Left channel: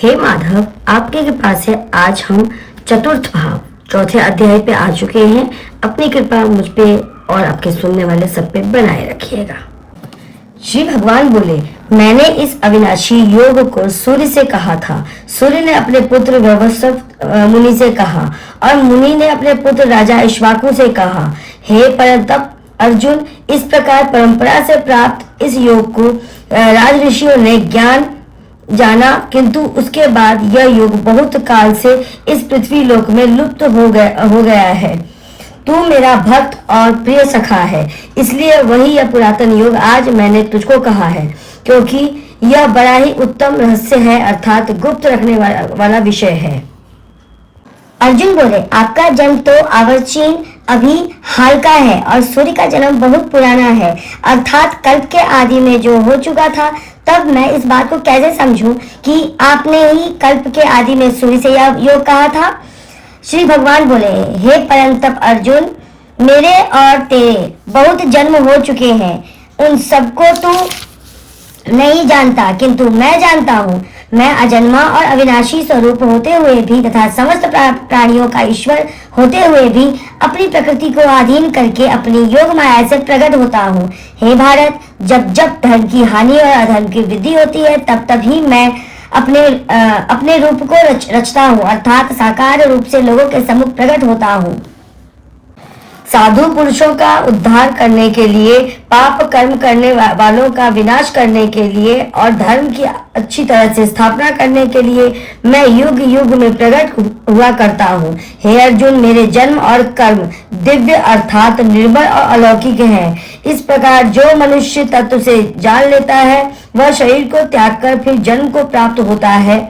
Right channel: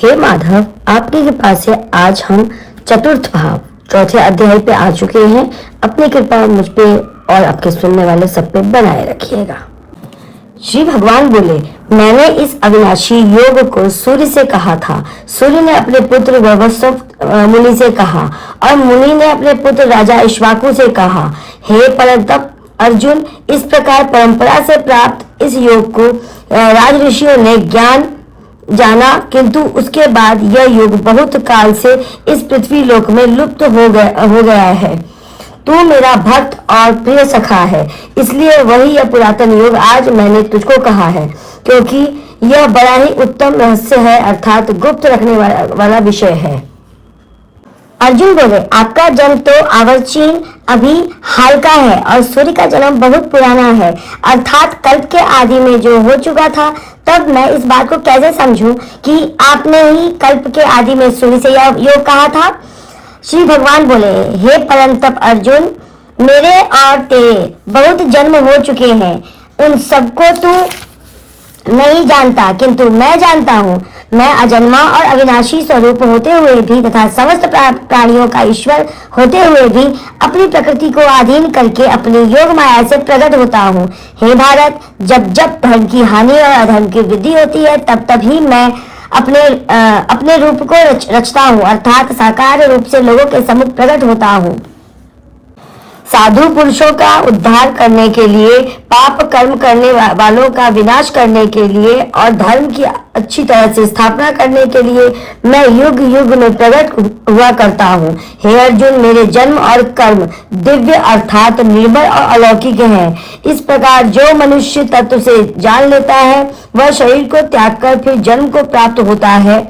हे माधव, आपकी कृपा से आज हम चतुर्थ भाव चौथे अध्याय पे आ चुके हैं। अपनी कृपा मुझ पे और आपके सुनने वाले सब पे बनाए रखिएगा। श्री भगवान बोले, मैंने इस अविनाशी योग को सूर्य से कहा था। सूर्य ने अपने पुत्र वैवस्वत मुनि से कहा और मुनि ने अपने पुत्र राजा इक्ष्वाकु से कहा। हे परंतप अर्जुन, इस प्रकार परंपरा से प्राप्त इस योग को राज ऋषियों ने ज्ञान जाना, किंतु उसके बाद यह योग बहुत काल से इस पृथ्वी लोक में लुप्त हो गया है। तू मेरा भक्त और प्रिय सखा है, इसलिए वही यह पुरातन योग आज मैंने तुझको कहा है, क्योंकि यह बड़ा ही उत्तम रहस्य है, अर्थात गुप्त रखने वाला विषय है। अर्जुन बोले, आपका जन्म तो आवर्चीन अभी हाल का है और सूर्य का जन्म बहुत पुराना है, अर्थात कल्प के आदि में जो हो चुका था। तब मैं इस बात को कैसे समझूं कि आपने ही कल्प के आदि में सूर्य से यह योग कहा था। श्री भगवान बोले, हे परंतप अर्जुन, मेरे और तेरे बहुत जन्म हो चुके हैं, उन सबको तू नहीं जानता, किंतु मैं जानता हूँ। मैं अजन्मा और अविनाशी स्वरूप होते हुए भी तथा समस्त प्राणियों का ईश्वर होते हुए भी अपनी प्रकृति को अधीन करके अपनी योग माया से प्रकट होता हूँ। हे भारत, जब जब धर्म की हानि और अधर्म की वृद्धि होती है, तब तब ही मैं अपने रूप को रचता हूँ, अर्थात साकार रूप से लोगों के सम्मुख प्रकट होता हूँ। साधु पुरुषों का उद्धार करने के लिए, पाप कर्म करने वालों का विनाश करने के लिए और धर्म की अच्छी तरह से स्थापना करने के लिए मैं युग युग में प्रकट हुआ करता हूँ। हे अर्जुन, मेरे जन्म और कर्म दिव्य अर्थात निर्मल और अलौकिक हैं। इस प्रकार जो मनुष्य तत्व से जान लेता है, वह शरीर को त्याग कर फिर जन्म को प्राप्त होता है।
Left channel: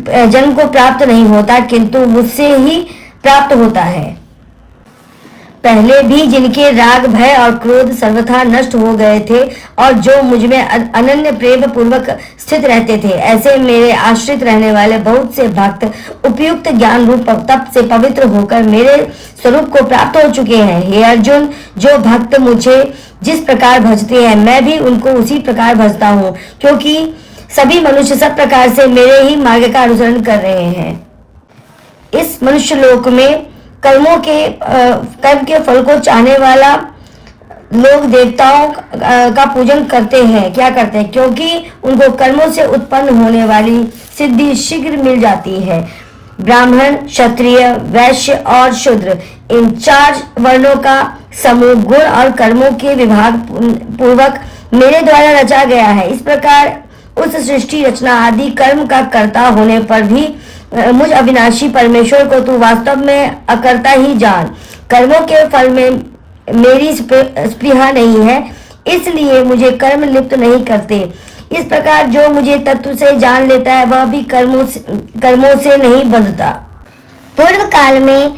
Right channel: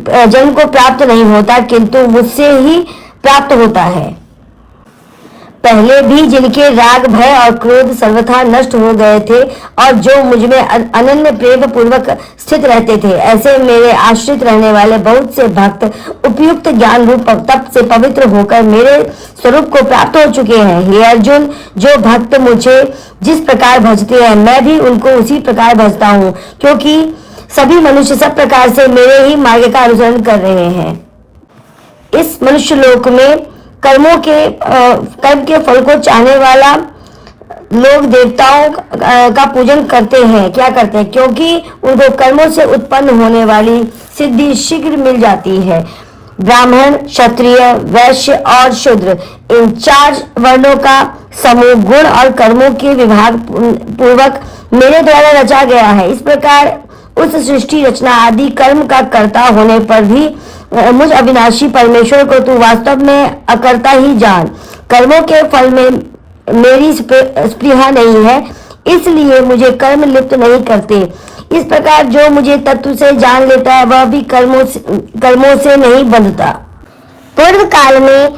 जन्म को प्राप्त नहीं होता, किंतु मुझसे ही प्राप्त होता है। पहले भी जिनके राग भय और क्रोध सर्वथा नष्ट हो गए थे और जो मुझ में अनन्य प्रेम पूर्वक स्थित रहते थे, ऐसे मेरे आश्रित रहने वाले बहुत से भक्त उपयुक्त ज्ञान रूप तप से पवित्र होकर मेरे स्वरूप को प्राप्त हो चुके हैं। हे अर्जुन, जो भक्त मुझे जिस प्रकार भजते हैं, मैं भी उनको उसी प्रकार भजता हूँ, क्योंकि सभी मनुष्य सब प्रकार से मेरे ही मार्ग का अनुसरण कर रहे हैं। इस मनुष्य लोक में कर्म के फल को चाहने वाला लोग देवताओं का पूजन करते हैं। क्या करते हैं? क्योंकि उनको कर्मों से उत्पन्न होने वाली सिद्धि शीघ्र मिल जाती है। ब्राह्मण, क्षत्रिय, वैश्य और शूद्र, इन 4 वर्णों का समूह गुण और कर्मों के विभाग पूर्वक मेरे द्वारा रचा गया है। इस प्रकार उस सृष्टि रचना आदि कर्म का कर्ता होने पर भी मुझ अविनाशी परमेश्वर को तू वास्तव में अकर्ता ही जान। कर्मों के फल में मेरी स्पृहा नहीं है, इसलिए मुझे कर्म लिप्त नहीं करते। इस प्रकार जो मुझे तत्व से जान लेता है, वह भी कर्मों से नहीं बंधता। पूर्व काल में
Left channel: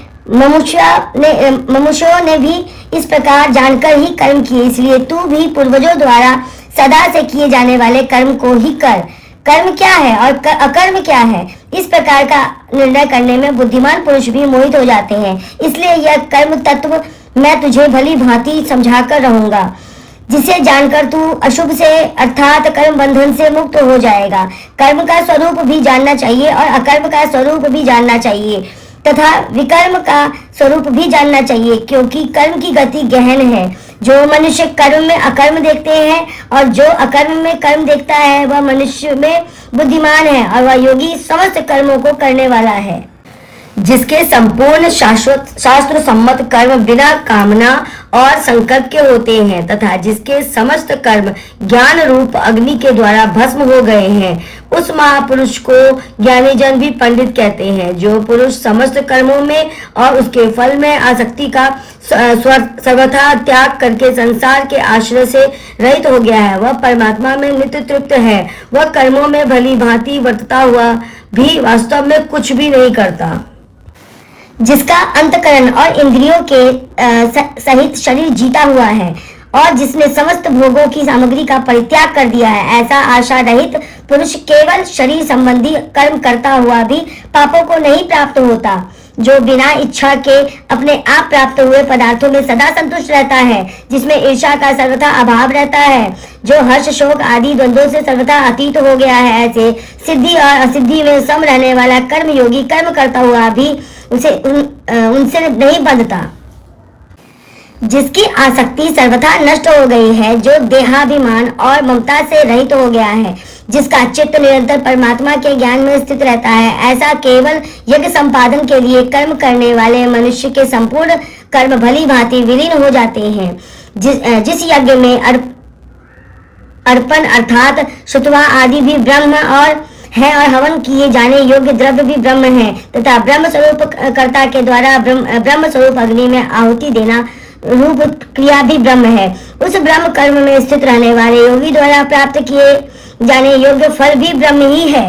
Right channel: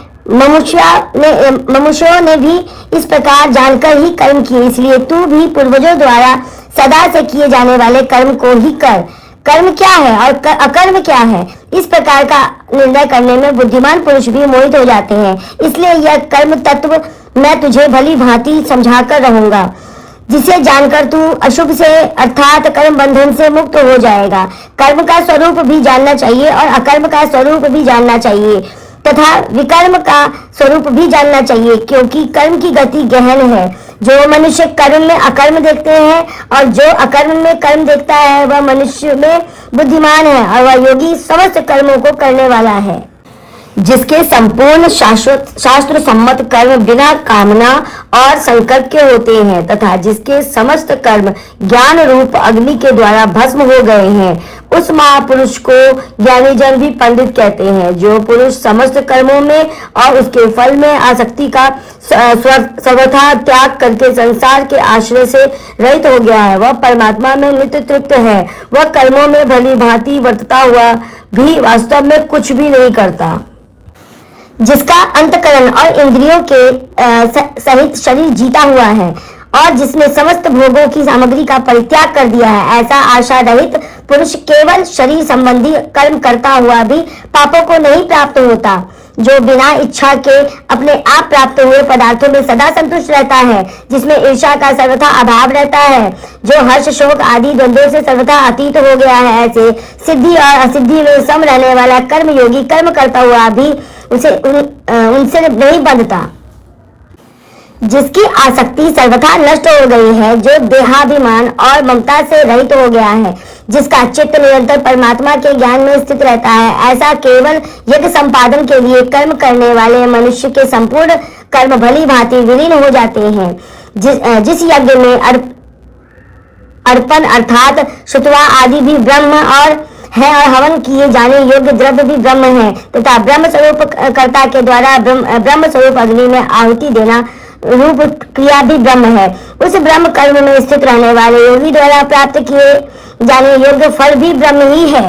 मनुष्यों ने भी इस प्रकार जानकर ही कर्म किए, इसलिए तू भी पूर्वजों द्वारा सदा से किए जाने वाले कर्म को ही कर। कर्म क्या है और अकर्म क्या है, इस प्रकार का निर्णय करने में बुद्धिमान पुरुष भी मोहित हो जाते हैं। इसलिए यह कर्म तत्व मैं तुझे भली भांति समझाकर रहूंगा, जिसे जानकर तू अशुभ से अर्थात कर्म बंधन से मुक्त हो जाएगा। कर्म का स्वरूप भी जानना चाहिए और अकर्म का स्वरूप भी जानना चाहिए तथा विकर्म का स्वरूप भी जानना चाहिए, क्योंकि कर्म की गति गहन है। जो मनुष्य कर्म में अकर्म देखते हैं और जो अकर्म में कर्म देखता है, वह मनुष्य में बुद्धिमान है और वह योगी समस्त कर्मों को करने वाला है। जिसके संपूर्ण शास्त्र सम्मत कर्म बिना कामना और संकल्प के होते हैं तथा जिसके समस्त कर्म ज्ञान रूप अग्नि के द्वारा भस्म हो गए हैं, उस महापुरुष को ज्ञानी जन भी पंडित कहते हैं। जो पुरुष समस्त कर्मों में और उसके फल में आसक्ति का सर्वथा त्याग करके संसार के आश्रय से रहित हो गया है, वह परमात्मा में नित्य तृप्त है। वह कर्मों में भली भांति वर्तता हुआ भी वास्तव में कुछ भी नहीं करता। जिसका अंतकरण और इंद्रियों के सहित शरीर जीता हुआ है और जिसने समस्त भोगों की सामग्री का परित्याग कर दिया है, ऐसा आशा रहित पुरुष केवल शरीर संबंधी कर्म करता हुआ भी पापों को नहीं प्राप्त होता। जो बिना इच्छा के अपने आप प्राप्त हुए पदार्थों में सदा संतुष्ट रहता है, जिसमें ईर्ष्या का सर्वथा अभाव रहता है, जो हर्ष शोक आदि द्वंद्वों से सर्वथा अतीत हो गया है, ऐसे सिद्धि और असिद्धि में सम रहने वाला कर्म योगी कर्म करता हुआ भी उनसे नहीं बंधता, जिसकी आसक्ति सर्वथा नष्ट हो गई है, जो देहाभिमान और ममता से रहित हो गया है, जिसका चित्त निरंतर परमात्मा के ज्ञान में स्थित रहता है, ऐसा केवल यज्ञ संपादन के लिए कर्म करने वाले मनुष्य के संपूर्ण कर्म भली भांति विलीन हो जाते हैं। जिस यज्ञ में अर्पण अर्थात शुतवा आदि भी ब्रह्म और है और हवन किए जाने योग्य द्रव्य भी ब्रह्म है, तथा ब्रह्म स्वरूप कर्ता के द्वारा ब्रह्म स्वरूप अग्नि में आहुति देना रूप क्रिया भी ब्रह्म है, उस ब्रह्म कर्म में स्थित रहने वाले योगी द्वारा प्राप्त किए जाने योग्य फल भी ब्रह्म ही है।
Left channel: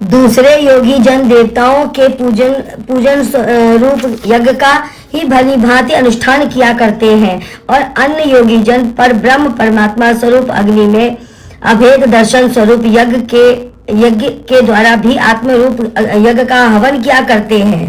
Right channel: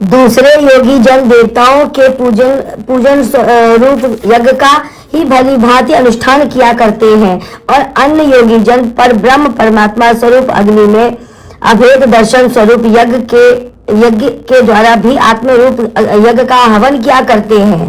दूसरे योगी जन देवताओं के पूजन रूप यज्ञ का ही भली भांति अनुष्ठान किया करते हैं और अन्य योगी जन पर ब्रह्म परमात्मा स्वरूप अग्नि में अभेद दर्शन स्वरूप यज्ञ के द्वारा भी आत्म रूप यज्ञ का हवन किया करते हैं।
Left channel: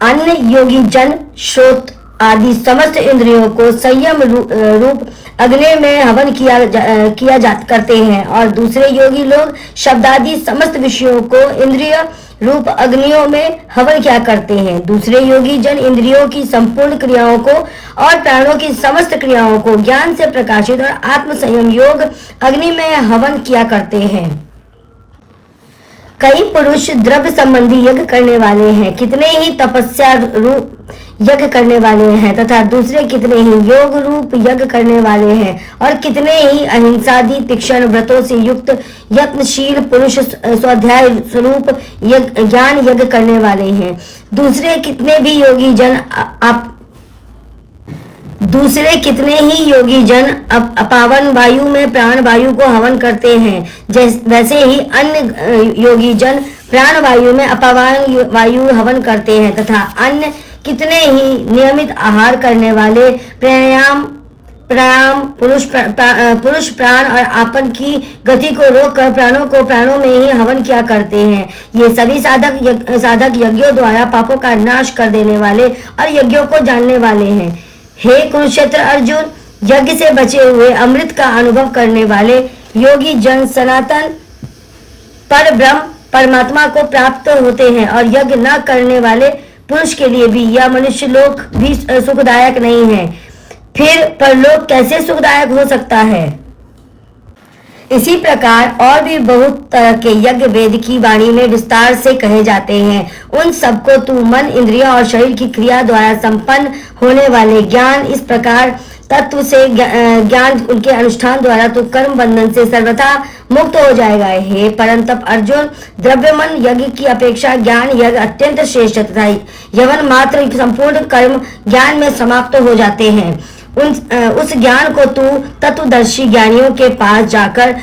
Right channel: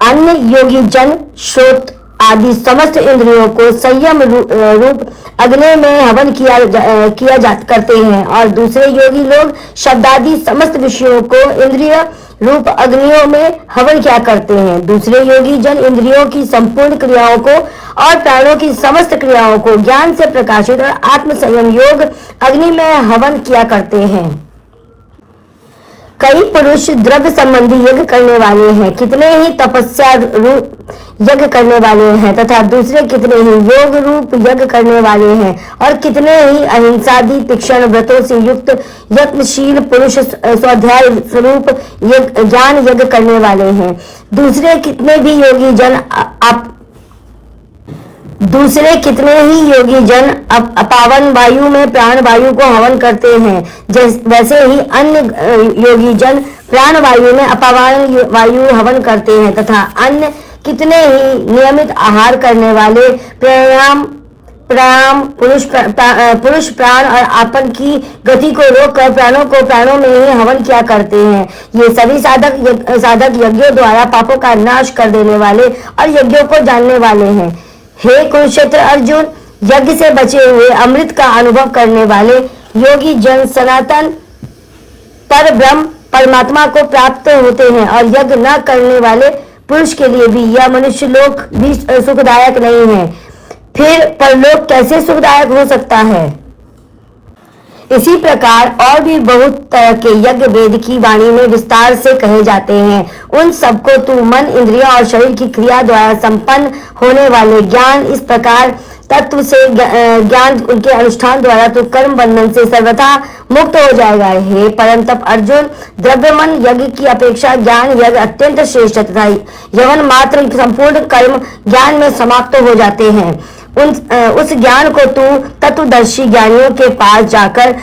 अन्य योगी जन श्रोत आदि समस्त इंद्रियों को संयम रूप अग्नि में हवन किया करते हैं और दूसरे योगी लोग शब्दादि समस्त विषयों को इंद्रिय रूप अग्नियों में हवन किया करते हैं। दूसरे योगी जन इंद्रियों की संपूर्ण क्रियाओं को और प्राणों की समस्त क्रियाओं को ज्ञान से प्रकाशित और आत्म संयम योग अग्नि में हवन किया करते हैं। कई पुरुष द्रव्य संबंधी यज्ञ करने वाले हैं, कितने ही तपस्या रूप यज्ञ करने वाले हैं तथा दूसरे कितने ही योग रूप यज्ञ करने वाले हैं और कितने ही अहिंसादि तीक्ष्ण व्रतों से युक्त यत्नशील पुरुष स्वाध्याय स्वरूप ज्ञान यज्ञ करने वाले हैं। दूसरे कितने ही योगी जन अपावन वायु में प्राण वायु को हवन करते हैं, वैसे ही अन्य योगी जन प्राण वायु में अपावन वायु हवन करते हैं तथा अन्य कितने ही नियमित आहार करने वाले पुरुष प्राण और आपन की गति को रोककर प्राणों को प्राणों में ही हवन किया करते हैं। ये सभी साधक यज्ञों द्वारा पापों का नाश कर देने वाले और यज्ञों को जानने वाले हैं। हे कुरुक्षेत्र अर्जुन, यज्ञ से बचे हुए अमृत का अनुभव करने वाले योगी जन सनातन पर ब्रह्म परमात्मा को प्राप्त होते हैं और यज्ञ न करने वाले पुरुष के लिए भी यह मनुष्य लोक भी सुखदायक नहीं है, फिर परलोक कैसे सुखदायक हो सकता है। इसी प्रकार और भी बहुत तरह के यज्ञ वेद की वाणी में विस्तार से कहे जाते हैं। उन सबको तू मन इंद्रियों और शरीर की क्रिया द्वारा संपन्न होने वाले ज्ञान इस प्रकार तत्व से ज्ञान उनके अनुष्ठान द्वारा तो कर्म बंधन से सर्वथा मुक्त हो जाएगा। हे परंतप अर्जुन, द्रव्यमन यज्ञ की अपेक्षा ज्ञान यज्ञ अत्यंत श्रेष्ठ तथा यवन मात्र संपूर्ण कर्म ज्ञान में समाप्त हो जाते हैं। उस ज्ञान को तू तत्वदर्शी ज्ञानियों के पास जाकर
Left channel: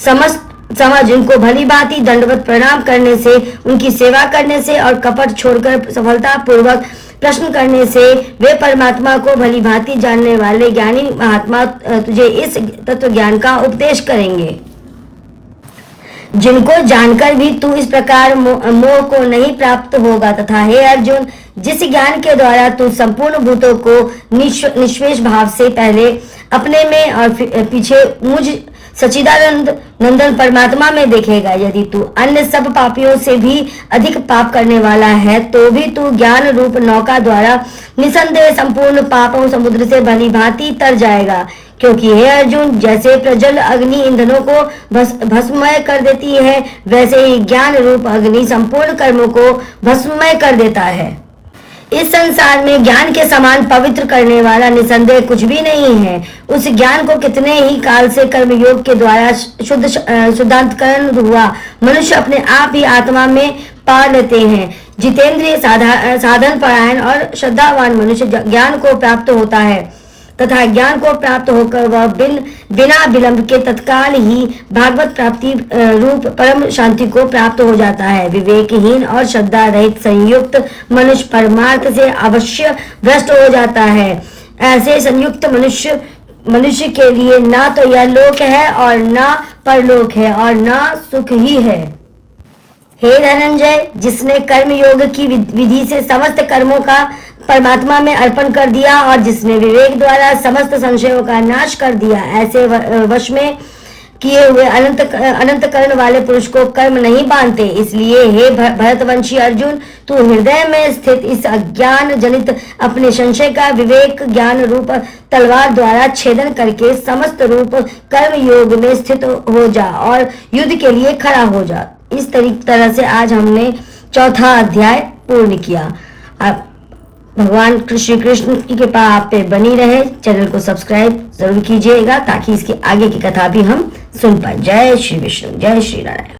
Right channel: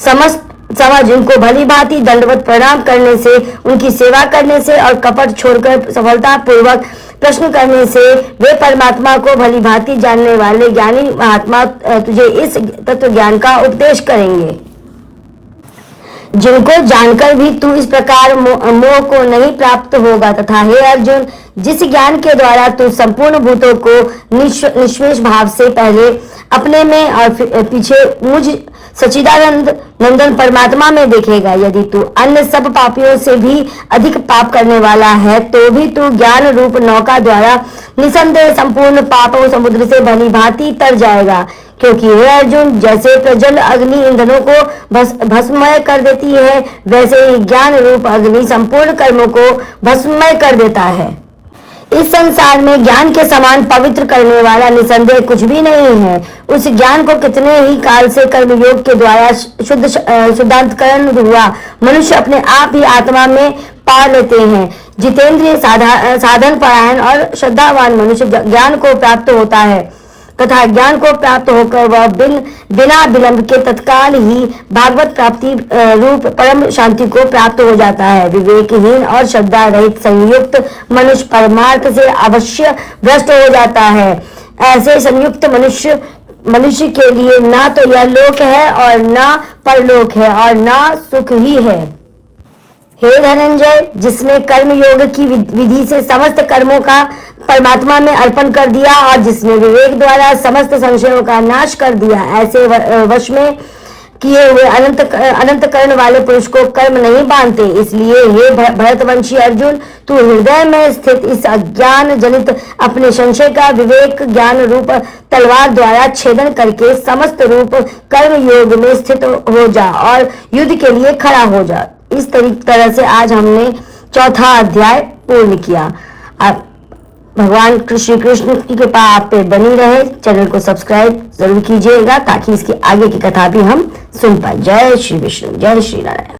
समझ उनको भली भांति दंडवत प्रणाम करने से, उनकी सेवा करने से और कपट छोड़कर सफलता पूर्वक प्रश्न करने से वे परमात्मा को भली भांति जानने वाले ज्ञानी महात्मा तुझे इस तत्व ज्ञान का उपदेश करेंगे, जिनको जानकर भी तू इस प्रकार मोह को नहीं प्राप्त होगा। तथा हे अर्जुन, जिस ज्ञान के द्वारा तू संपूर्ण भूतों को निष्शेष भाव से पहले अपने में और पीछे मुझ सच्चिदानंद नंदन परमात्मा में देखेगा, यदि तू अन्य सब पापियों से भी अधिक पाप करने वाला है तो भी तू ज्ञान रूप नौका द्वारा निसंदेह संपूर्ण पापों समुद्र से भली भांति तर जाएगा। क्योंकि हे अर्जुन, जैसे प्रज्वल अग्नि ईंधनों को भस्ममय कर देती है, वैसे ही ज्ञान रूप अग्नि संपूर्ण कर्मों को भस्ममय कर देता है। इस संसार में ज्ञान के समान पवित्र करने वाला निसंदेह कुछ भी नहीं है। उस ज्ञान को कितने ही काल से कर्मयोग के द्वारा शुद्धांतकरण हुआ मनुष्य अपने आप ही आत्मा में पा लेते हैं। जितेंद्रिय साधन परायण और श्रद्धावान मनुष्य ज्ञान को प्राप्त होता है तथा ज्ञान को प्राप्त होकर वह बिना विलंब के तत्काल ही भागवत प्राप्ति रूप परम शांति को प्राप्त हो जाता है। विवेकहीन और श्रद्धा रहित संयुक्त मनुष्य परमार्थ से अवश्य भ्रष्ट हो जाता है। ऐसे संयुक्त मनुष्य के लिए ना तो यह लोक है और ना परलोक है और ना सुख ही है। हे धनंजय, जिसने कर्म योग की विधि से समस्त कर्मों का परमात्मा में अर्पण कर दिया और जिसने विवेक द्वारा समस्त संशयों का नाश कर दिया, ऐसे वश में किए हुए अनंत कर्ण वाले पुरुष को कर्म नहीं बांधते। इसलिए हे भरतवंशी अर्जुन, तू हृदय में स्थित इस अज्ञान जनित अपने संशय का विवेक ज्ञान रूप तलवार द्वारा छेदन करके समस्त रूप कर्म योग में स्थित हो जा और युद्ध के लिए खड़ा हो जा। इस तरह से आज हमने चौथा अध्याय पूर्ण किया। आप भगवान श्री कृष्ण की कृपा आप पे बनी रहे। चैनल को सब्सक्राइब जरूर कीजिएगा ताकि इसके आगे की कथा भी हम सुन पाए। जय श्री विष्णु, जय श्री नारायण।